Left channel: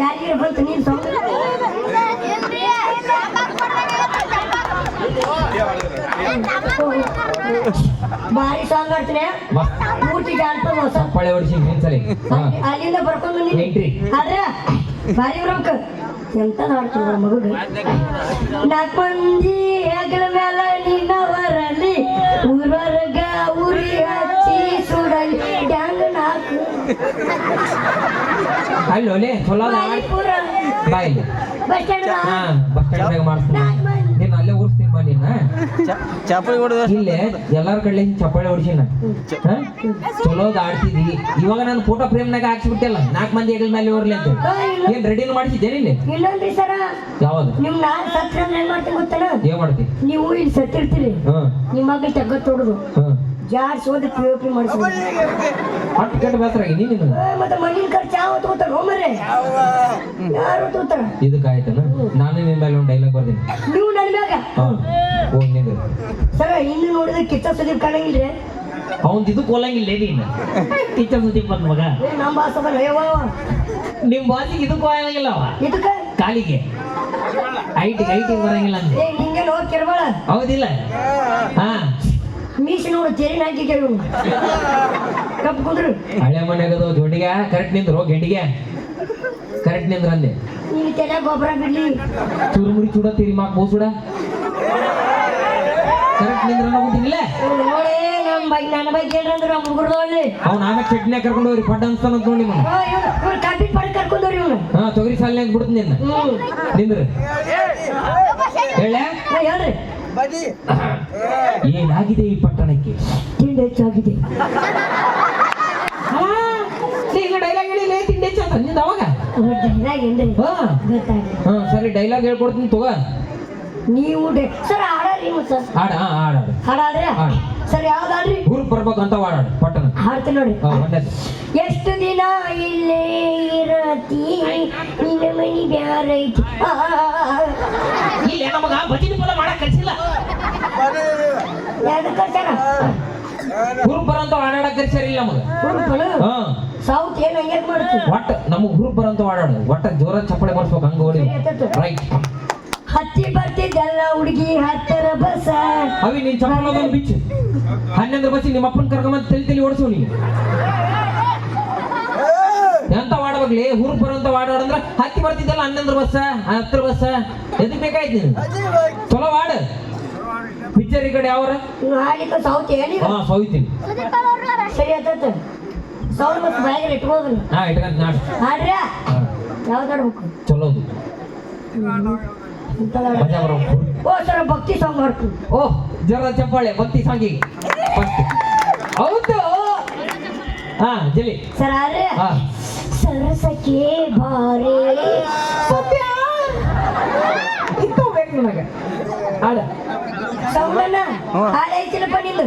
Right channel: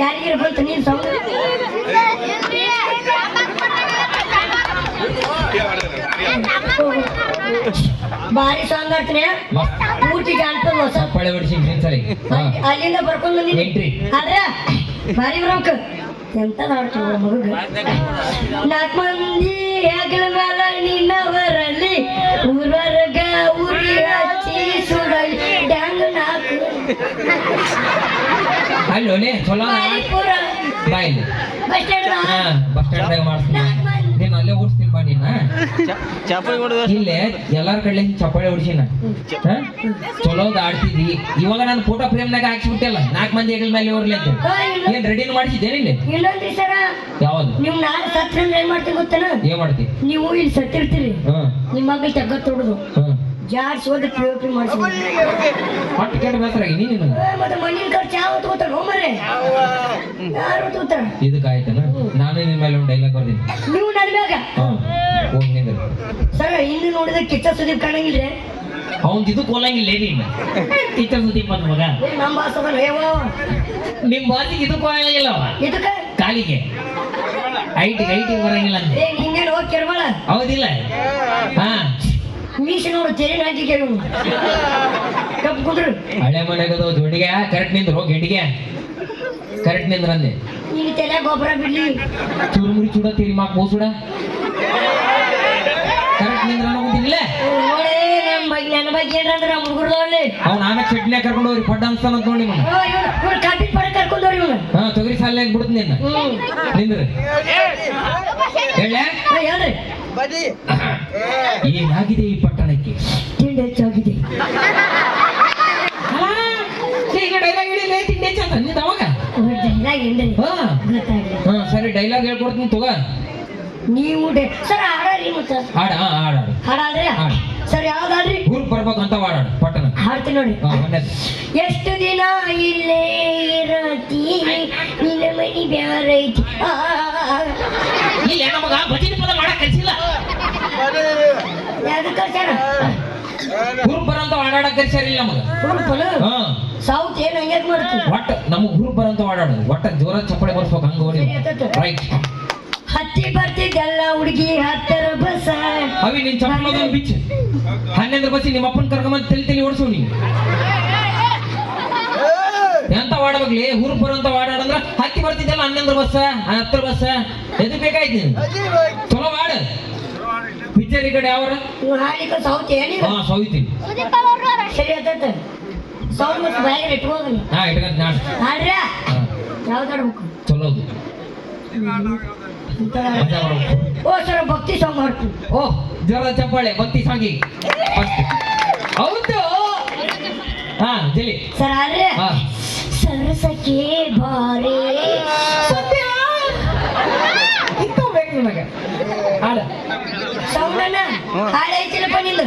ಯಾರಿಗೆ ಬಂತು ನೀನು ಸೌಂಡ್ ಭಾರಿ ಸಾಂಗ್ ಆಡ್ತೀನಿ ಪೂರ್ತಿ ಜಾನಪದ ಹೊಸ ಪಳೆ ಹೊಡಿಸಿ ಅಲ್ಲಿಂದ ಬರ್ಕೊಂಡು ಎಂಟ್ರಿ ಆದ್ರೆ ಭಾರಿ ಬ್ರೊಂಕ ಎಂತ ಹಾಡ್ತೀವಿ ಮಗುಗೆ 4 ಮಂದಿ ಹೆಗಲ ಮೇಲೆ ನಿನ್ನವರಲ್ಲಿ ಊರವರ್ಗ ಉರಿ ಹಚ್ಚಿ ಸುಡಲಿ ಡ್ಯಾಂಗ್ 4 ಅಲ್ಲೋಲೆ ಚಲೋ ಬಾಯಿಲಿ ಬಸ್ ಸ್ಟ್ಯಾಂಡ್ದಾಗ ಮಾಡ್ತೀನಿ ನೀನು ಅಲ್ಲೇ ಓಡಿಸ್ತೀನಿ ಬಾ ನೀನ ಇಲ್ಲೇ ಎಲ್ಲಾರ ಕಡೆ ಚಪ್ಪಾಳೆ ಹೊಡಿಸಿನ ಚಲೋದ್ ಆಡ್ತಿದ್ವಿ ಇವಾಗ ನಾನು ಫೋಟೋ ಫ್ರೇಮ್ನಾಗ ಹಾಕ್ಸಿಬಿಟ್ಟಿಲ್ಲ 4 ಮಂದಿ ಹೆಗಲ ಮೇಲೆ ಇವ್ರಲಿ ಅಂತ ಏನ್ ರೆಡಿನ ಮಾಡಿಸಿದ್ದೇನೆ ಇಲ್ಲಿ ಇನ್ನೊಂದ್ರಿ ಸರ ಯಾವ್ದು ನಿಮ್ ನಾಳೆ ಸತ್ರ ಏನ್ ಮಾಡ್ತೀನಿ ಗೊತ್ತನ ಏನ್ ಮಾಡ್ತಿ ನೀವು ಇಲ್ಲಿ ಸತ್ತಿರ್ತೀರಿ ನಿಮ್ಮ ಮಗಳು ತಗ್ಗ ತೊಡದು ಜಾಡ್ಸ್ ಹೋದ್ರೆ ಪಿ ಮಾಡಿಸ್ಬೋದು ಹೊಟ್ಟು ಕೆಟ್ಟ ಬೇಸರ ನೀನು ಮತ್ತೆ ಮಣ್ಣಿನ ಖರ್ಚು ಯಾವ ತಗೋತಾರ ಹೋಮರೆ ಯಾರು ತಗೋತಾರ ಇದಕ್ಕಾಯ್ತಲ್ಲ ನಾನು ನಿನ್ನ ಮೇಲೆ ಒಂದು ಡೈಲಾಗ್ ಬರ್ತೀನಿ ನೀವು ನನ್ನ ಮ್ಯಾಗ ಹೋಗಿ ನಿಂದ ಸರ್ ಹಿಂದೆ ನೋಡಿದ್ರೆ ಕಿಚ್ಚ ಸುದೀಪ್ ಕಾಣಂಗಿಲ್ರಿ ಅವನ್ ಇದಕ್ಕೆ ಹೋಲಂಗಿಲ್ಲ ನೀನು ಕಿಚ್ಚ ಸುದೀಪ್ ಅಂತ ಮಗ ನಮ್ಮ ಬಾಸ್ ಅದ ನಿಮ್ ಬಾಸಿಗೆ ಇದಕ್ಕೆ ಹೋಗಂಗಿಲ್ಲ ಅವ ಇದಕ್ಕೆ ಕಾಲಿಗೆ ಐಟಿಗೆ ಬರಂಗಿಲ್ಲ ಅಂತ ಹಿಂಗೇನು ಹೋಗಿ ಕೆರಬಾಳ ಹೌದಿಲ್ಲ ಹಾ ಮೀಸಿ ನೋಡು ತೇರಿನ ಹಾಕಿ ಕೆರವು ಕಪ್ ಕುಂದ್ರು ಹಳೆ ಮನೆಗದು ಜೋಡಿಗೆ ಕರೆಕ್ಟ್ ನಿಂದ್ರು ಗೆಂಡಿಗೆ ಕರೆಕ್ಟ್ ನಿಂದ್ರ ಅಂದೆ ಈಗ ತಲೆ ಗೊಬ್ಬರ ಬಿಡ್ಲಿ ಚುರುಮುರಿ ಚೂಡ ತಿರಿ ಮಾಕ್ ಮೂಸುಡ ಕರೆಕ್ಟ್ ನಿಂದ್ರ ಹೋಗುದಿಲ್ಲ ನೋಡಿ ನನ್ನ ಬಗ್ಗೆ ಏನಂದ್ರೆ ನಮ್ಮ ಹುಡುಗರು ಅಲ್ಲಿ ಅವ್ನು ಆಮೇಲೆ ಚಟ್ನಿ ಕರ್ಕೊಂಡು ಹೋಗ್ರಿ ಪಡ್ಡ ಅನ್ಸ್ತಾನ ಅಂತ ನೋಡಿ ಇವ್ರು ಕಾಪಿ ಮಾಡಿ ಕರ್ಕೊಂಡವ್ರಿ ಇವನು ಹಾ ತೊಗರಿ ಸಾಲಿನಾಗ ಬಿಡುತ್ತೆ ನಿನ್ನ ನಿಂದ್ರಿ ಹೇಳ ಹೇಳ್ರಿ ಏನಾಗಿದೆ ಈ ಪಟ್ಟಣಕ್ಕೆ ತಿಂಡಿ ಹೆಚ್ಚಾಗಿದೆ ಈಗ ಡೈಲಾಗ್ ಹೇಳಿಲ್ಲ ತಿಂಡಿ ಹೆಚ್ಚಾದ ನಿಂದ ಅವಾಗ ಡೈಲಾಗ್ ಏನ್ರಿ ಹಾ ಸರಿ ಡೈಲಾಗ್ ಹೇಳ್ಕೊಡ್ತೀನಿ ತಗೋ ನೀವು ಸರ್ ಹಾಡ್ರಿ ಸರ್ ಹಾಡ ಹಾಡಾದ್ರೆ ಸರ್ ಯಾವ್ದಾಡ್ರಿ ಊರ್ ಬರ್ಬೇಕಂತ ಹಾಡಾಡು ಪಟ್ಟಣ ಹಾಡ್ತೀನಿ ನೋಡಿ ಎಷ್ಟು ದಿನ ಇಲ್ಲೇ ಇರತಿ ನಿನ್ನ ಮನಿ ಬ್ಯಾರೈತಿ ಇಲ್ಲ ನಮಗ ಭಜನೆ ಪದ ಮಾಡಕ್ ಕಲಿಸಿಲ್ಲ ಯಾವ್ದು ಕಲ್ಸಾರ ಹುರುಪ್ ಬರಂತ ಹಾಡಾಡಕ್ ಕಲಿಸಾರಿಲ್ಲ ನಮಗ ಹುರುಪನ ಸೌತ್ ಏನು ಹಂಗೆ ಮಾಡ್ತೀವಿ ಒಟ್ಟ ನಮಗ್ ಹುರುಪ್ ಬರಂತ ಹಾಡಾಡು ಒಟ್ಟ ಜೋರ ಚಪ್ಪಳೆ ಬರ್ಸ್ಬೇಕು ಹಂಗ ಹೊಡಿ ರೈಟ್ ಹತ್ತಿ ಬರ್ತಿದ್ದಲ್ಲ ಹುಡುಗಿ 10 ಬಸ್ ಅವಿ ನಿನ್ ಚಪ್ಪಲ ಬಿಚ್ಚ 11 ಬಸ್ಸಿ ನಿಮ್ಮ ಅಪ್ಪನ ಕರ್ಕೊಂಡ್ ತಲಿ ಓಡಿಸು ನೀ ಎಂತ ವಾಡಬೇಕ್ಲಿ ಹುರುಪ್ ಬರಂತ ಹಾಡಾಡಂದ್ರ ಹತ್ತಿ ಬರ್ತಿದ್ದಲ್ಲ 11 ಬಸ್ 10 ಬಸ್ ಎದಕ್ ಬೇಕಾಯ್ತು ಚಲೋ ವಾಡ ಪಿಕ್ಚರ್ ಈ ಕಡೆ ಯಾವ್ರ ಹಾಡಿಕ ಸೌತ್ ಏನಿಲ್ಲ ಹಾ ಸೌತಿ ಸರಿ ಆತೈತೆ ಸೌಂಡ್ ಬಸ್ ಬ್ಯಾಗ್ ಇಟ್ಬೋದು ಹಾ ಇಟ್ಕೊಂತ ನಾಡು ಹಾಡ್ರ ಯಾವ್ದಾಡ್ಬೇಕು ಚಲೋದು ಓ ಸರ್ ಭಕ್ತಿ ಸಾಂಗ್ ಮಾಡ್ತೀನಿ ಓ ಜರ ಚಪ್ಪಾಳೆ ಭಕ್ತಿ ಸಾಂಗಿ ಹೌದು ಹಾ ಜಲಿ ಸರ್ ಆದ್ರೆ ಸರಸಕ್ಕೆ ಬಾರೆ ಸತ್ಯ ಇಂತ ಬೇಕು ನಿಮಗೆ ಹಾಡ ಸೌಂಡ್ ಅಣ್ಣ ಹಾಡ ಐತಿಲ್ಲಪ್ಪ ನಿಲ್ಲ